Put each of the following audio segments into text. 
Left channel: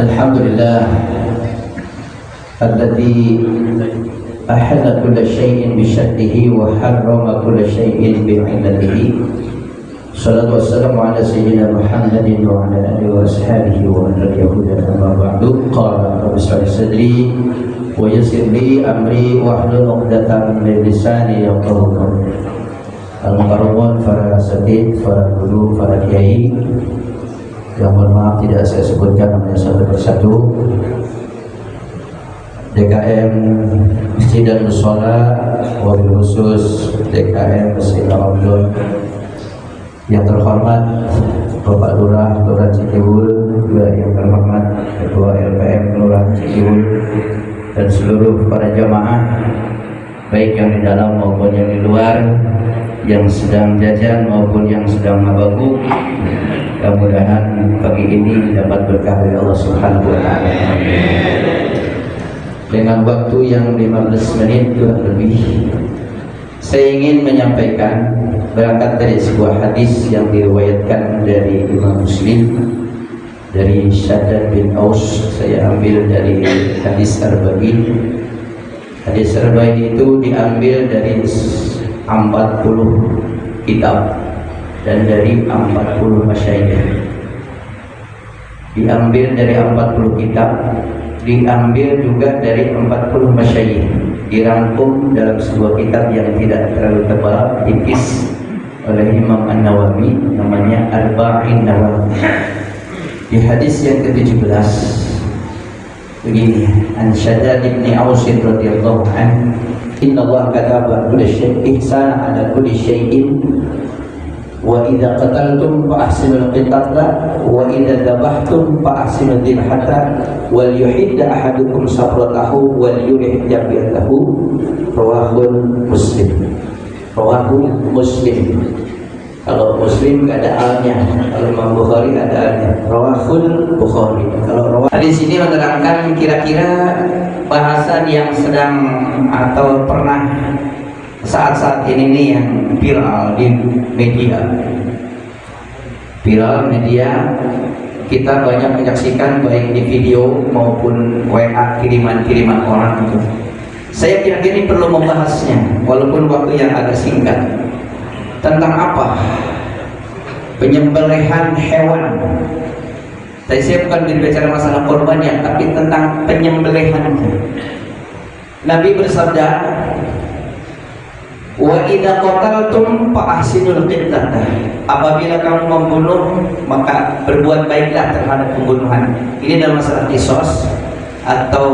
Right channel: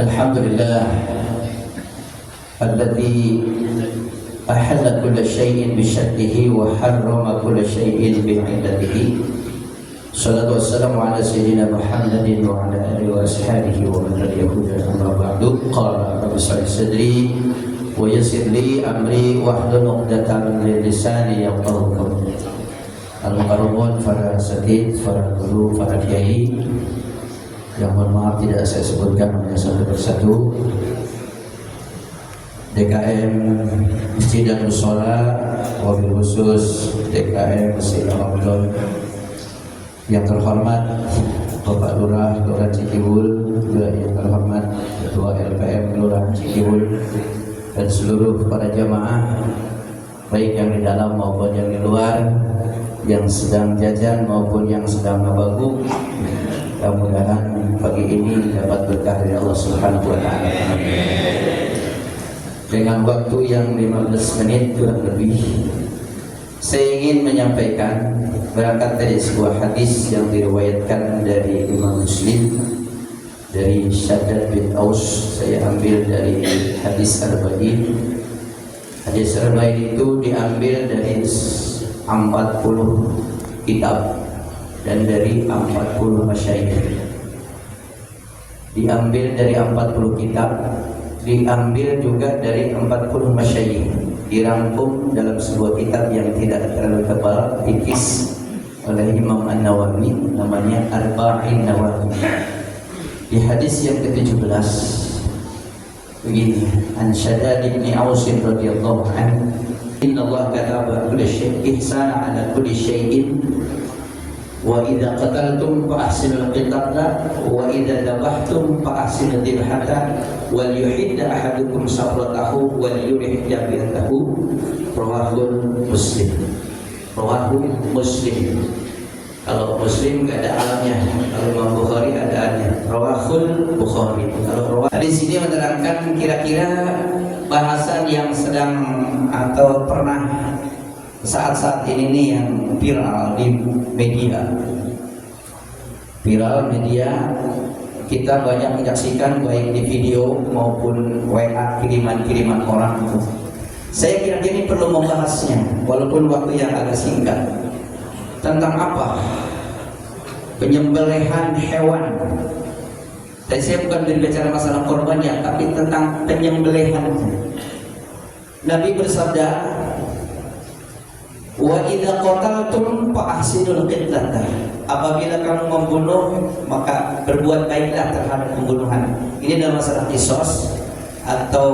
Alhamdulillah alladzi ahalla kulla syai'in bi syartihi wa harrama kulla syai'in bi 'illatihi. Salatu wassalamu ala sayyidina Muhammadin wa ala alihi wa ashabihi wa man tabi'ahu amma ba'du. Qala Rabbi shrah li sadri wa yassir li amri wa hlul 'uqdatam min lisani yafqahu qawli. Al-mukarramun, para asatidz, para guru, para kiai yang mohon maaf tidak saya sebutkan namanya satu persatu. DKM Masjid dan Mushola, wabil khusus DKM Masjid Al-Abdul yang terhormat Bapak Lurah Kelurahan Cikiwul, juga yang terhormat Ketua LPM Kelurahan Cikiwul, dan seluruh para jamaah baik yang di dalam maupun yang di luar, yang sedang jajan maupun yang sedang mabagu. Mudah-mudahan pagi ini dapat berkah dari Allah Subhanahu wa taala. Dengan waktu yang 15 menit kurang lebih, saya ingin menyampaikan berangkat dari sebuah hadis yang diriwayatkan dari Imam Muslim dari Shaddad bin Aus. Saya ambil dari hadis Arba'in. Hadis Arba'in itu diambil dari 40 kitab dan dari 40 masyayikh. Diambil dari 40 kitab, diambil juga dari 40 masyayikh, dirangkum dalam sebuah kitab yang tidak terlalu tebal, tipis, oleh Imam An-Nawawi, namanya Arba'in Nawawi. Di hadis yang ke-17 begini, An Shaddad bin Aus radhiyallahu anhu, Inna Allah kataba kulli syai'in ihsana ala kulli syai'in wa idza qataltum fa ahsinul qitala wa idza dabahtum fa ahsinul dibhata wal yuhidda ahadukum sabratahu wal yurih jabiyatahu. Rawahul Muslim. Rawahu Muslim. Kalau Muslim enggak ada alnya, kalau Imam Bukhari ada alnya. Rawahul Bukhari. Kalau hadis ini menerangkan kira-kira bahasan yang sedang atau pernah saat-saat ini nih yang viral di media. Viral media, kita banyak menyaksikan baik di video maupun WA kiriman-kiriman orang itu. Saya kira-kira ini perlu membahasnya walaupun waktu yang agak singkat. Tentang apa? Penyembelihan hewan. Tadi saya bukan berbicara masalah korbannya, tapi tentang penyembelihan. Nabi bersabda, wa idza qataltum fa ahsinul qitlah. Apabila kamu membunuh, maka berbuat baiklah terhadap pembunuhan. Ini dalam masalah kisos, atau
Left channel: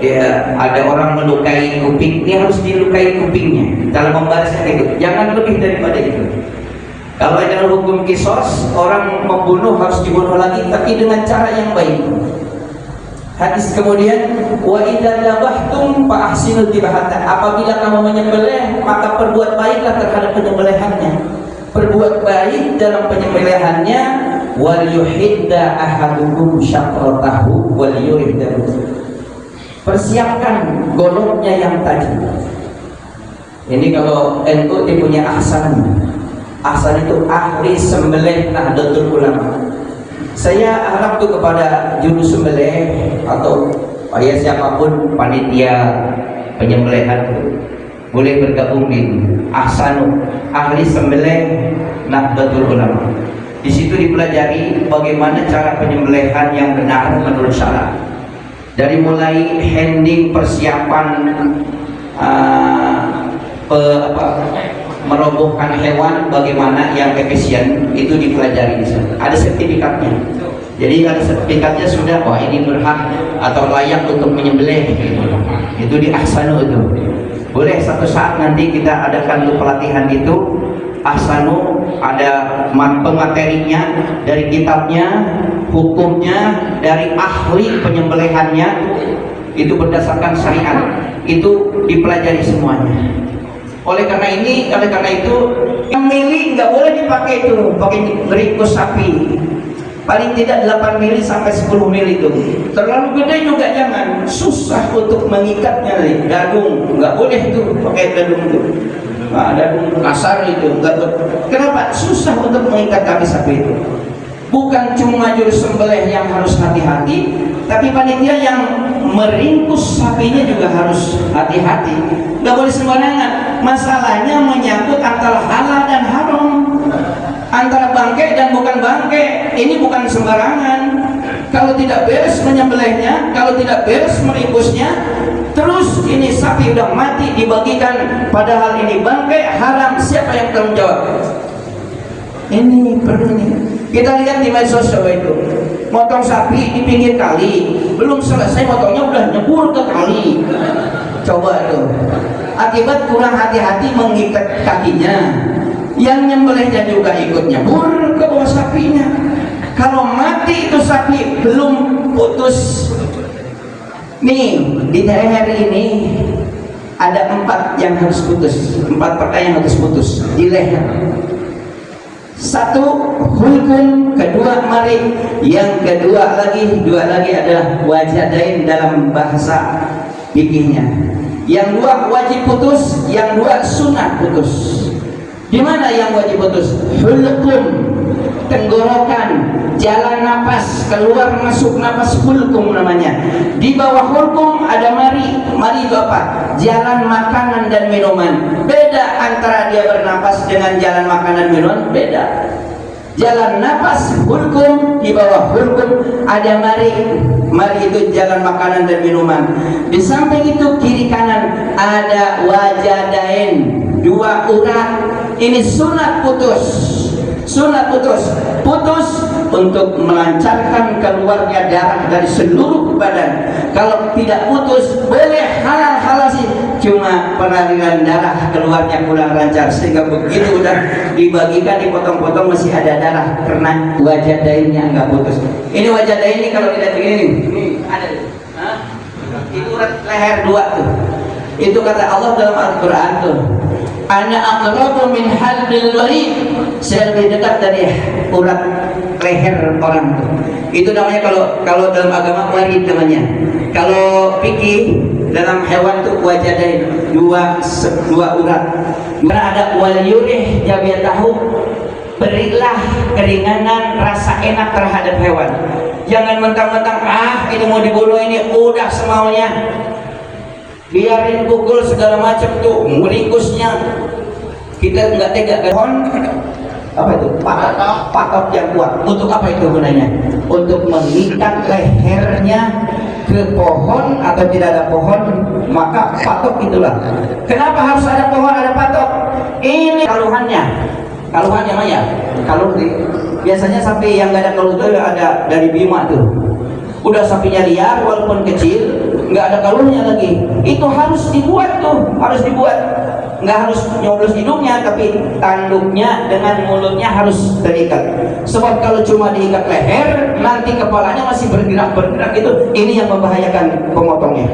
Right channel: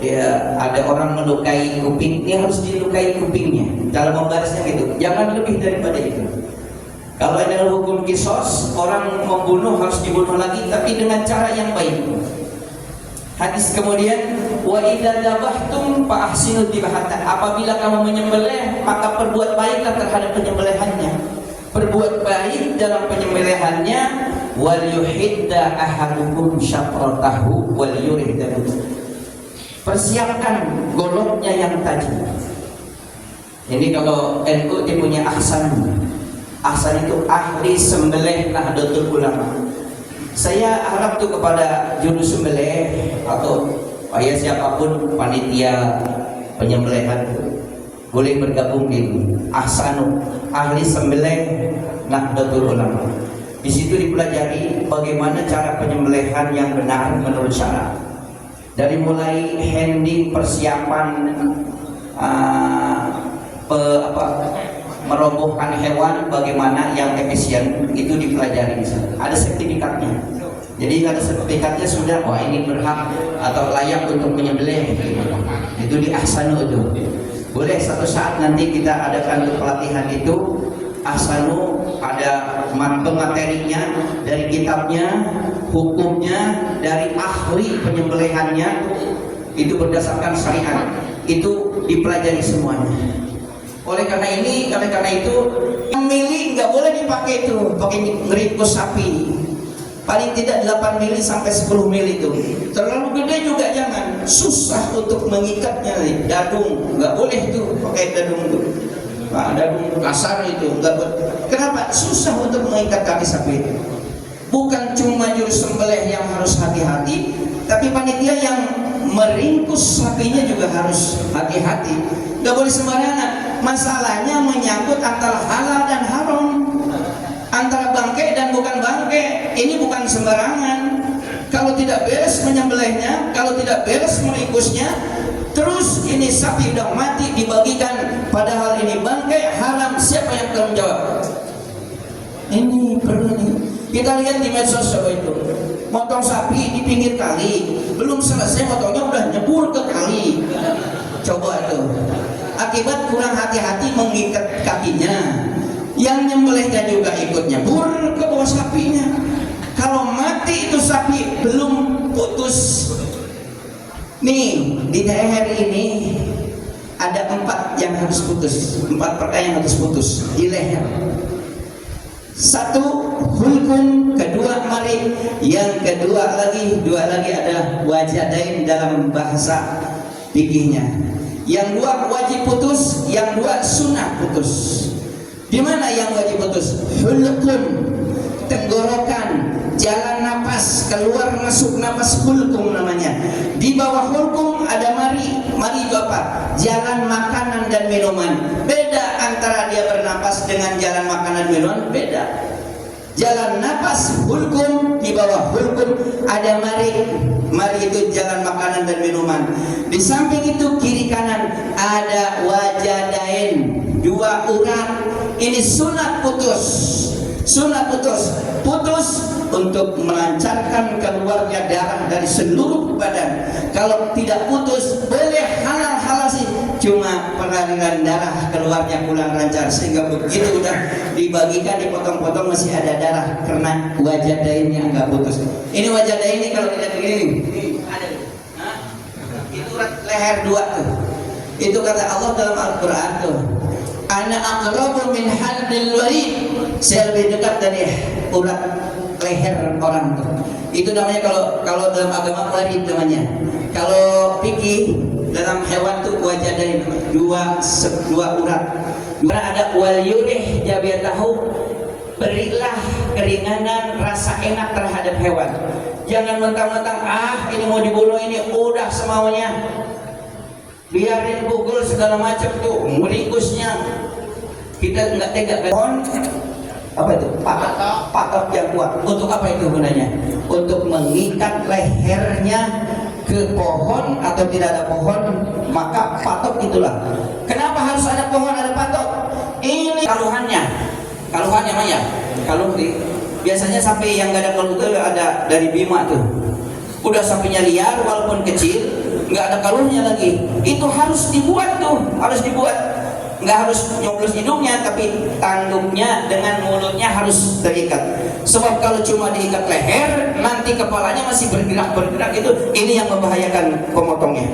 dia ada orang melukai kuping, dia harus dilukai kupingnya dalam membalasnya itu. Jangan lebih daripada itu. Kalau dalam hukum kisos, orang membunuh harus dibunuh lagi, tapi dengan cara yang baik. Hadis kemudian, wa idza dabahtum fa ahsinul dibhata. Apabila kamu menyembelih, maka perbuat baiklah terhadap penyembelihannya. Perbuat baik dalam penyembelihannya. Wal yuhidda ahadukum syafratahu wal yuhidda. Persiapkan goloknya yang tajam. Ini kalau NU dia punya ahsan. Ahsan itu ahli sembelih Nahdlatul Ulama. Saya harap tuh kepada juru sembelih atau ya siapapun panitia penyembelihan boleh bergabung di ahsanu, ahli sembelih Nahdlatul Ulama. Di situ dipelajari bagaimana cara penyembelihan yang benar menurut syara. Dari mulai handling, persiapan merobohkan hewan, bagaimana yang efisien, itu dipelajari di sana. Ada sertifikatnya. Jadi ada sertifikatnya sudah, wah ini berhak atau layak untuk menyembelih. Itu di ahsanu itu. Boleh satu saat nanti kita adakan untuk pelatihan itu. Ahsanu ada pematerinya dari kitabnya, hukumnya dari ahli penyembelihannya, itu berdasarkan syariat. Itu dipelajari semuanya. Oleh karena itu yang mili nggak boleh dipakai itu, pakai ringkus sapi. Paling tidak 8 mili sampai 10 mili itu. Terlalu gede juga jangan. Susah untuk mengikatnya. Dadung nggak boleh itu pakai dadung itu. Dadung kasar itu. Kenapa? Susah untuk mengikat tali sapi itu. Bukan bukan cuma juru sembelih yang harus hati-hati, tapi panitia yang meringkus sapinya juga harus hati-hati. Gak boleh sembarangan. Masalahnya menyangkut antara halal dan haram, antara bangkai dan bukan bangkai. Ini bukan sembarangan. Kalau tidak beres menyembelihnya, kalau tidak beres meringkusnya, terus ini sapi udah mati dibagikan, padahal ini bangkai haram, siapa yang tanggung jawab? Ini perlu nih. Kita lihat di medsos coba itu, motong sapi di pinggir kali, belum selesai motongnya udah nyebur ke kali. Coba itu, akibat kurang hati-hati mengikat kakinya, yang nyembelihnya juga ikut nyebur ke bawah sapinya. Kalau mati itu sapi belum putus. Nih di leher ini ada 4 yang harus putus, 4 pertai yang harus putus di leher. 1 hulkun, kedua mari, yang kedua lagi, 2 lagi adalah wajadain dalam bahasa fikihnya. Yang 2 wajib putus, yang 2 sunnah putus. Di mana yang wajib putus? Hulkun, tenggorokan, jalan napas, keluar masuk napas, hulkum namanya. Di bawah hulkum ada mari. Mari itu apa? Jalan makanan dan minuman. Beda antara dia bernapas dengan jalan makanan minuman, beda. Jalan napas hulkum, di bawah hulkum ada mari. Mari itu jalan makanan dan minuman. Di samping itu kiri kanan ada wajadain, 2 urat. Ini sunat putus. Sunat putus, putus untuk melancarkan keluarnya darah dari seluruh badan. Kalau tidak putus, boleh halal sih, cuma pengaliran darah keluarnya kurang lancar, sehingga begitu udah dibagikan, dipotong-potong masih ada darah karena wajah dainnya nggak putus. Ini wajah dain ini kalau tidak begini, nih ada, itu urat leher 2 tuh. Itu kata Allah dalam Al-Quran tuh, ana aqrabu min halbil warid, saya lebih dekat dari urat leher orang tuh. Itu namanya kalau dalam agama warid namanya. Kalau fikih dalam hewan tuh wajadain, 2 urat. Karena ada wal yurih jabiat tahu, berilah keringanan rasa enak terhadap hewan. Jangan mentang-mentang ini mau dibunuh, ini udah semaunya. Biarin pukul segala macam tuh, meringkusnya. Kita nggak tega kan? Apa itu? Patok yang kuat. Untuk apa itu gunanya? Untuk mengikat lehernya ke pohon atau tidak ada pohon, maka patok itulah. Kenapa harus ada pohon, ada patok? Ini kaluhannya Maya. Kaluh biasanya sapi yang nggak ada kaluh itu ada dari Bima tuh. Udah sapinya liar walaupun kecil, nggak ada kaluhnya lagi. Itu harus dibuat tuh, harus dibuat. Nggak harus nyoblos hidungnya, tapi tanduknya dengan mulutnya harus terikat. Sebab kalau cuma diikat leher, nanti kepalanya masih bergerak itu. Ini yang membahayakan pemotongnya.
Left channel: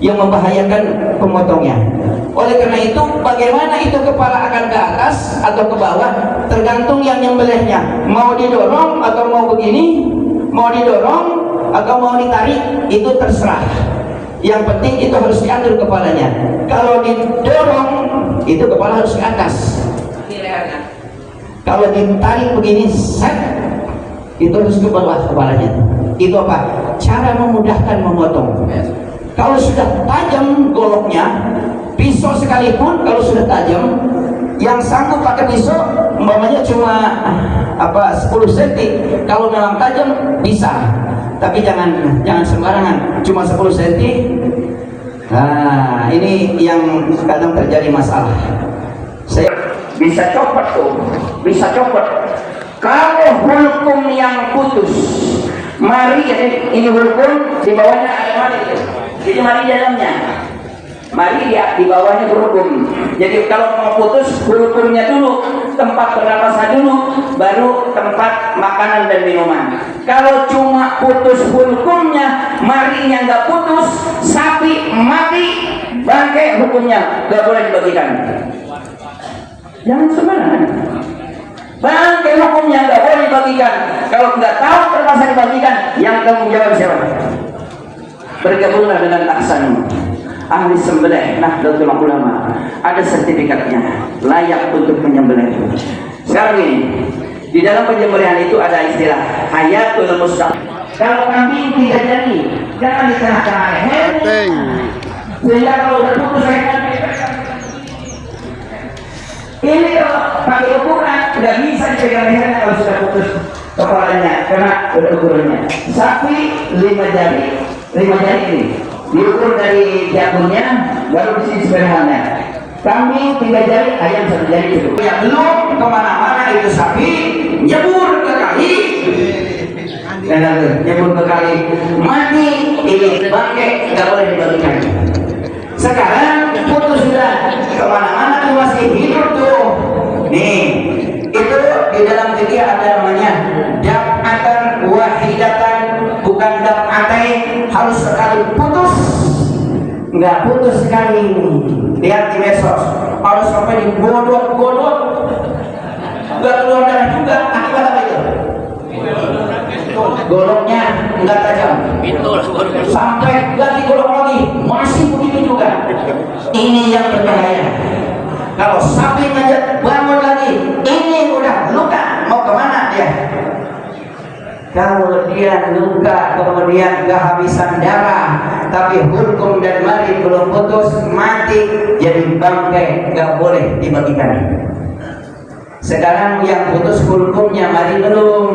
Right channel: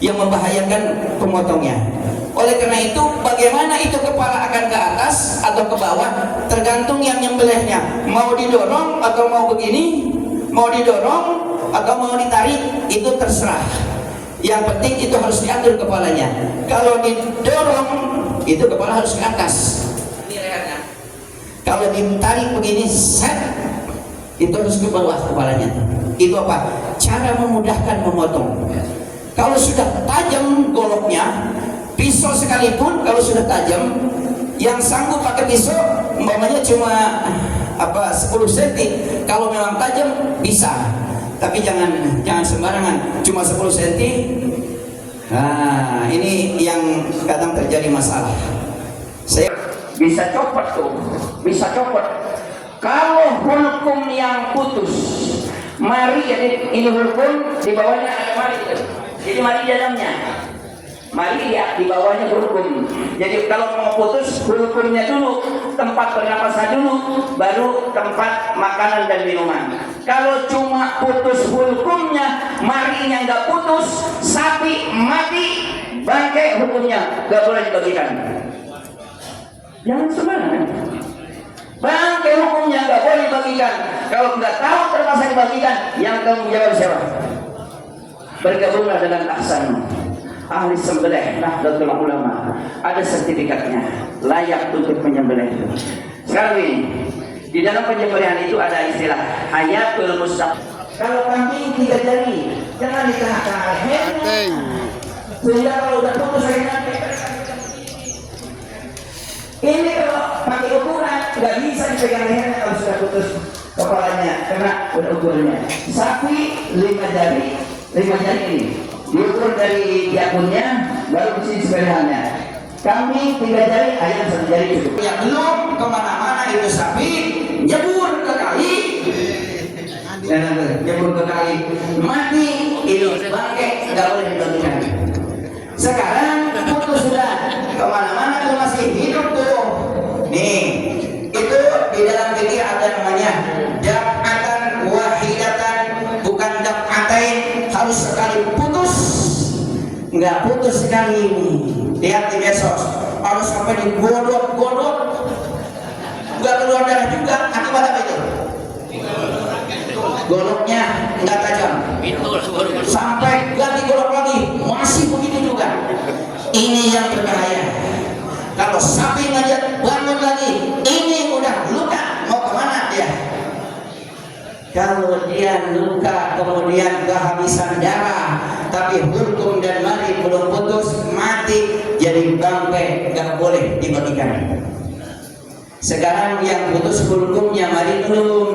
Yang membahayakan pemotongnya. Oleh karena itu, bagaimana itu kepala akan ke atas atau ke bawah, tergantung yang nyembelihnya. Mau didorong atau mau begini, mau didorong atau mau ditarik, itu terserah. Yang penting itu harus diatur kepalanya. Kalau didorong, itu kepala harus ke atas. Ini lehernya. Kalau ditarik begini, set, itu harus ke bawah kepalanya. Itu apa? Cara memudahkan memotong. Kalau sudah tajam goloknya, pisau sekalipun kalau sudah tajam, yang sanggup pakai pisau, umpamanya cuma 10 cm. Kalau memang tajam bisa. Tapi jangan sembarangan, cuma 10 cm. Nah, ini yang kadang terjadi masalah. Saya bisa copot tuh, bisa copot. Kalau hulkum yang putus, mari, jadi ini hulkum, di bawahnya ada mari. Jadi mari dalamnya, mari ya di bawahnya hulkum. Jadi kalau mau putus, hulkumnya dulu, tempat pernapasan dulu, baru tempat makanan dan minuman. Kalau cuma putus hulkumnya, marinya nggak putus, sapi mati, bangkai hukumnya nggak boleh dibagikan. Jangan sembarangan. Bangkai hukumnya nggak boleh dibagikan. Kalau nggak tahu terpaksa dibagikan, yang tanggung jawab siapa? Bergabunglah dengan Ahsan, ahli sembelih, Nahdlatul Ulama. Ada sertifikatnya, layak untuk menyembelih. Sekarang ini, Di dalam penyembelihan itu ada istilah hayatul mustaq. Kalau kambing 3 jari, jangan di tengah-tengah leher. Sehingga kalau udah putus ini kalau pakai ukuran nggak bisa dipegang lehernya kalau sudah putus kepalanya karena udah ukurannya. Sapi 5 jari ini diukur dari jakunnya, baru di sini sebelahnya. Kambing 3 jari, ayam 1 jari cukup. Ya belum kemana-mana itu sapi nyebur ke kali, nyebur ke kali mati, ini bangkai nggak boleh dibagikan. Sekarang putus sudah kemana-mana tuh masih hidup tuh. Nih itu di dalam fikih ada namanya daf'atan wahidatan, bukan daf'atain, harus sekali putus, nggak putus sekali. Lihat di medsos, harus sampai digodok-godok, nggak keluar darah juga. Akibat apa itu? Goloknya nggak tajam, sampai lagi golok lagi masih begitu juga. Ini yang berbahaya. Kalau sapi aja bangun lagi, ini udah luka, mau kemana dia? Kalau dia luka kemudian kehabisan darah, tapi hukum dan mati belum putus, mati jadi bangkai, nggak boleh dibagikan. Sekarang yang putus hukumnya mati belum.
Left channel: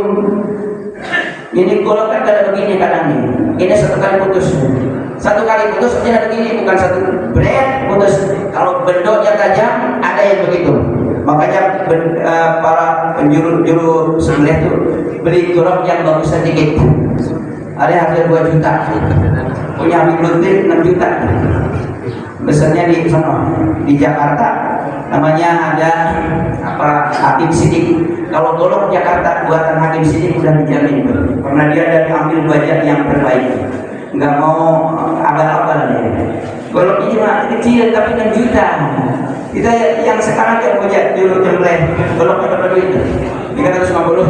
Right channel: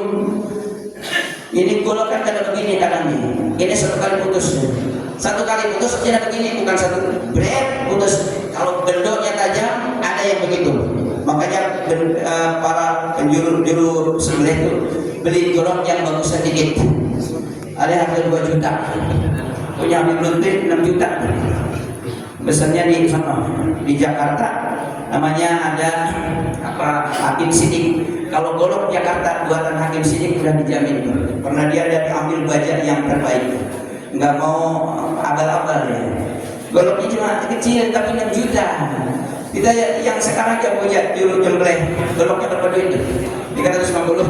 Ini golok kan kada begini kadang nih. Ini 1 kali putus. 1 kali putus tidak begini, bukan 1 bread putus. Kalau bendoknya tajam ada yang begitu. Makanya para penjuru sebelah itu beli golok yang bagus sedikit. Ada harga 2 juta. Punya Habib Lutfi 6 juta. Besarnya di sana di Jakarta namanya ada Hakim Sidik. Kalau golok Jakarta buatan Hakim Sidik udah dijamin tuh, karena dia dari ambil baja yang terbaik, nggak mau abal-abal ya. Goloknya cuma kecil tapi 6 juta. Kita yang sekarang ya punya juru jembleh, goloknya berapa duit? 350.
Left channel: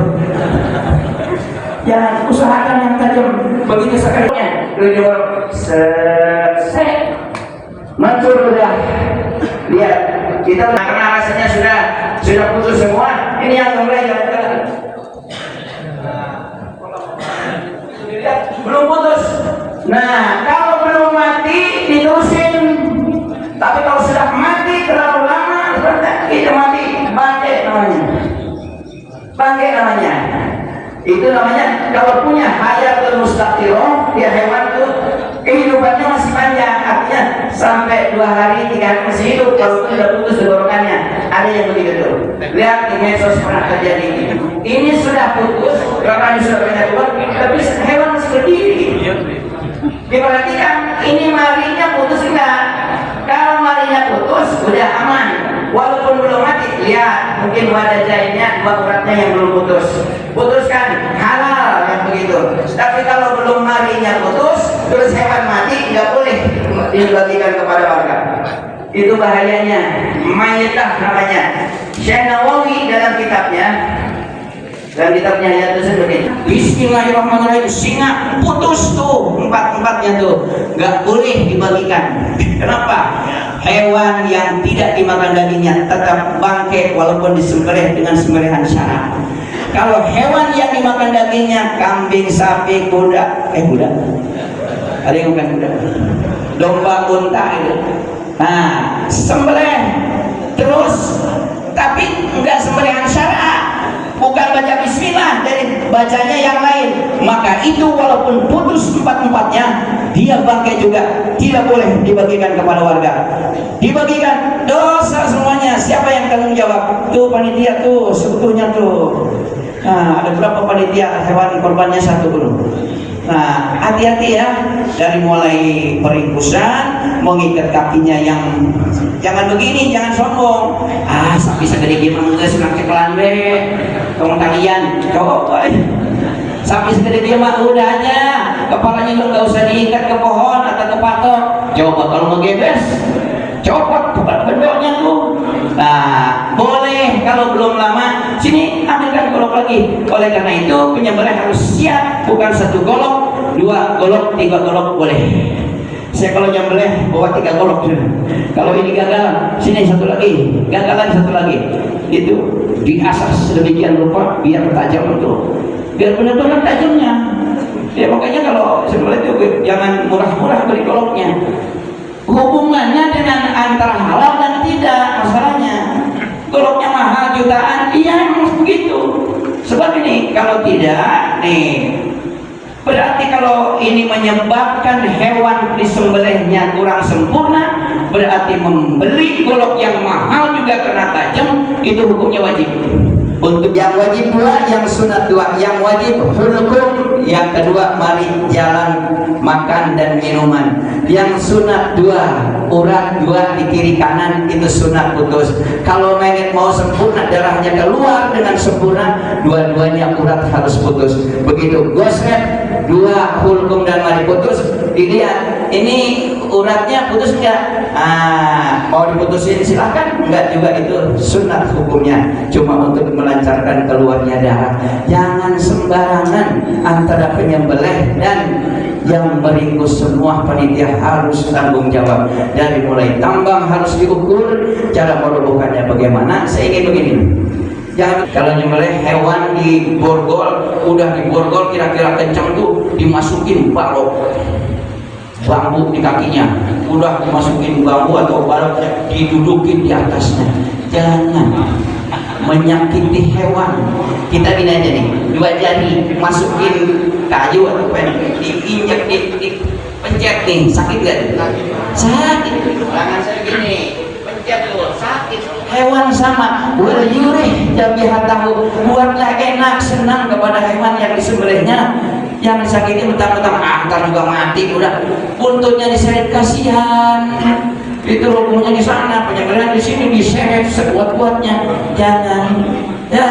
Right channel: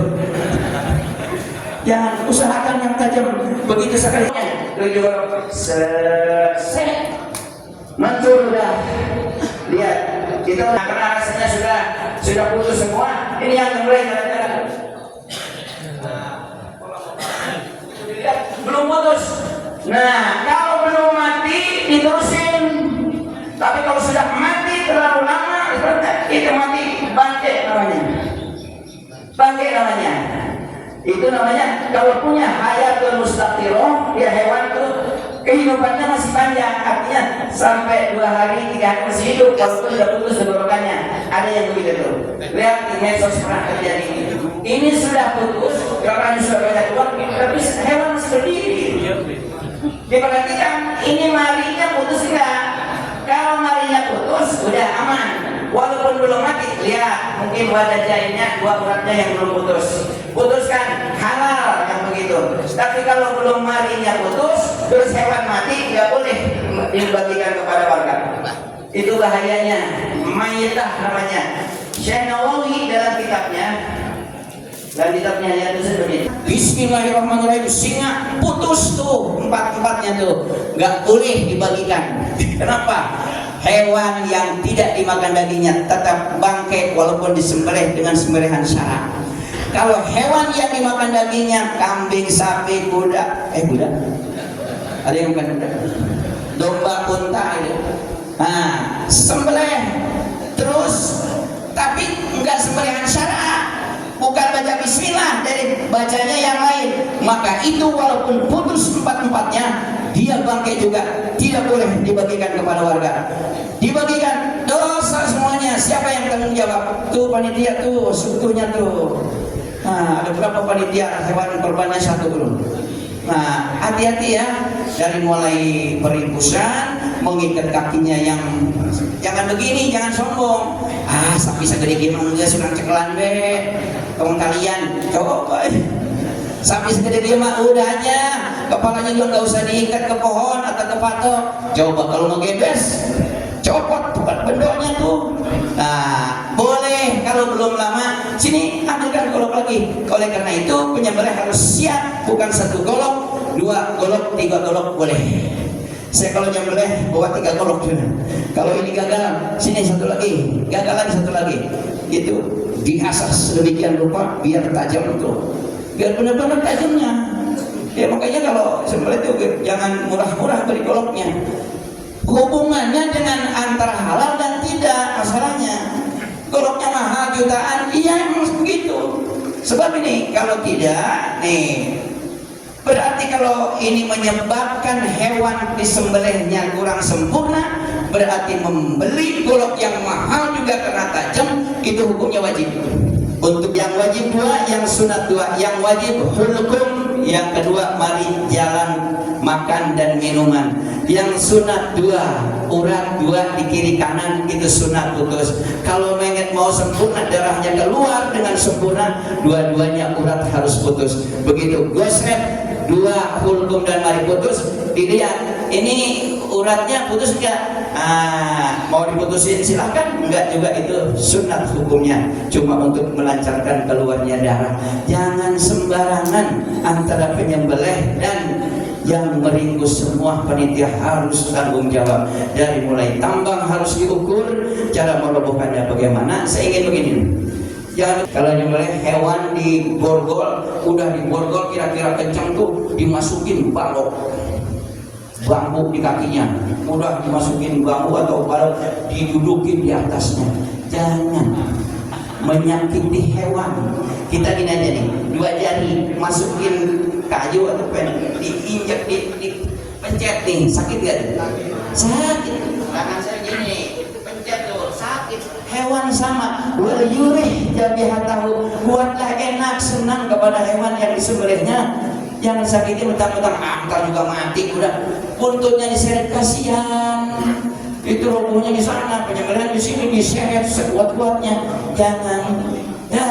Jangan usahakan yang tajam begitu sekalinya. Tujuh selesai. Mancur udah. Lihat, kita karena rasanya sudah putus semua. Ini yang mulai jalan-jalan. Belum putus. Nah, kalau belum mati diterusin. Tapi kalau sudah mati terlalu lama, kita mati, bangkai namanya. Bangkai namanya. Itu namanya kalau punya hayatul mustaqirah, dia hewan tuh kehidupannya masih panjang, artinya sampai 2 hari 3 hari masih hidup. Kalau sudah putus tenggorokannya, ada yang begitu tuh. Lihat di medsos pernah terjadi. Ini sudah putus, kakaknya sudah banyak keluar, tapi hewan masih berdiri. Diperhatikan, ini marinya putus enggak? Kalau marinya putus, udah aman. Walaupun belum mati, lihat mungkin wadah jahitnya 2 uratnya yang belum putus. Putuskan, halal yang begitu. Tapi kalau belum marinya putus, terus hewan mati, nggak boleh dibagikan kepada warga. Itu bahayanya. Mayitah namanya. Syekh Nawawi dalam kitabnya ya itu seperti Bismillahirrahmanirrahim. Singa putus tuh 4-4-nya tuh, nggak boleh dibagikan. Kenapa? Hewan yang tidak dimakan dagingnya tetap bangkai walaupun disembelih dengan sembelihan syara. Kalau hewan yang dimakan dagingnya, kambing, sapi, kuda, ada yang makan kuda, domba, unta itu. Nah, sembelih terus, tapi enggak sembelihan syara, bukan baca bismillah, dari bacanya yang lain. Maka itu walaupun putus 4-4-nya, dia bangkai juga, tidak boleh dibagikan kepada warga. Dibagikan dosa semuanya. Siapa yang tanggung jawab? Tuh panitia tuh, seutuhnya tuh. Nah, ada berapa panitia hewan korbannya 1 belum? Nah, hati-hati ya, dari mulai peringkusan, mengikat kakinya yang jangan begini, jangan sombong. Sapi segede gimana enggak sudah cekelan be. Teman kalian, coba. Sapi segede gimana udah aja, kepalanya juga nggak usah diikat ke pohon atau ke patok. Coba kalau mau gebes, copot bendoknya tuh. Nah, boleh kalau belum lama. Sini ambilkan golok lagi. Oleh karena itu penyembelih harus siap, bukan 1 golok, 2 golok, 3 golok boleh. Saya kalau nyembelih bawa 3 golok sudah. Kalau ini gagal, sini 1 lagi, gagal lagi 1 lagi. itu diasah sedemikian rupa biar tajam itu, biar benar-benar tajamnya. Ya makanya kalau sembelih itu jangan murah-murah beli goloknya. Hubungannya dengan antara halal dan tidak masalahnya. Goloknya mahal jutaan, iya emang begitu. Sebab ini kalau tidak nih, berarti kalau ini menyebabkan hewan disembelihnya kurang sempurna, berarti membeli golok yang mahal juga kena tajam, itu hukumnya wajib. Untuk yang wajib dua, yang sunat dua. Yang wajib hulkum, yang kedua mari jalan, makan dan minuman. Yang sunat dua, urat dua di kiri kanan, itu sunat putus. Kalau pengen mau sempurna, darahnya keluar dengan sempurna, dua-duanya urat harus putus. Begitu gosret dua, hulkum dan mari putus, dilihat ini uratnya putus enggak? Mau diputusin silahkan, enggak juga, itu sunat hukumnya, cuma untuk melancarkan keluarnya darah. Jangan sembarangan antara penyembelih dan yang meringkus, semua panitia harus tanggung jawab. Dari mulai tambang harus diukur, cara merobohkannya bagaimana. Saya ingin begini, jangan kalau nyembelih hewan di borgol, udah di borgol kira-kira kencang tuh dimasukin balok bambu di kakinya, udah dimasukin bambu atau balok didudukin di atasnya. Jangan menyakiti hewan. Kita gini aja nih, dua jari masukin kayu atau pen, diinjak, dipencet nih, sakit gak? Sakit. Tangan saya gini, pencet tuh, sakit. Hewan sama, wal yurih jabihatahu, buatlah enak, senang kepada hewan yang disembelihnya. Yang disakiti mentang-mentang antar juga mati, udah buntutnya diseret, kasihan. Itu hukumnya di sana, penyembelihan di sini diseret sekuat-kuatnya. Jangan ya.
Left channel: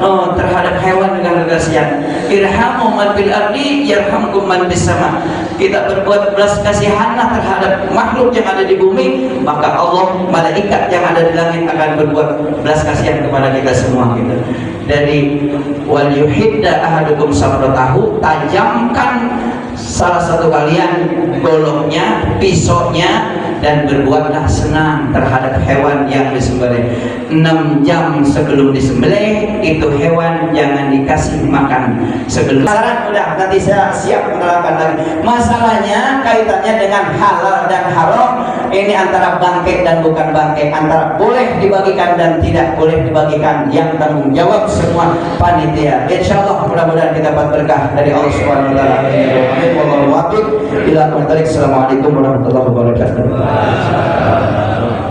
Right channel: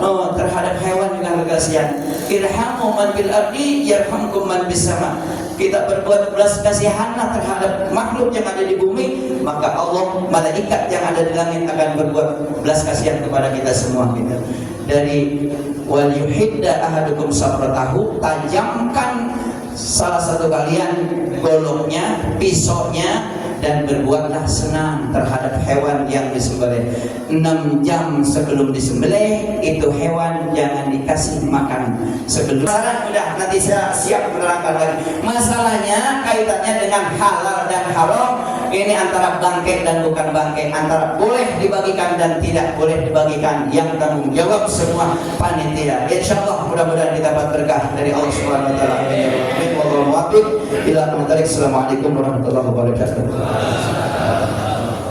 Oh, terhadap hewan juga kasihan. Irhamu man bil ardi yarhamkum man bis sama. Kita berbuat belas kasihanlah terhadap makhluk yang ada di bumi, maka Allah, malaikat yang ada di langit akan berbuat belas kasihan kepada kita semua gitu. Dari wal yuhidda ahadukum samratahu, tajamkan salah satu kalian goloknya, pisaunya, dan berbuatlah senang terhadap hewan yang disembelih. 6 jam sebelum disembelih itu hewan jangan dikasih makan sebelum. Saran udah, nanti saya siap menerangkan lagi. Masalahnya kaitannya dengan halal dan haram, ini antara bangkai dan bukan bangkai, antara boleh dibagikan dan tidak boleh dibagikan, yang tanggung jawab semua panitia. Insyaallah mudah-mudahan kita dapat berkah dari Allah Subhanahu wa taala. Assalamualaikum warahmatullahi wabarakatuh.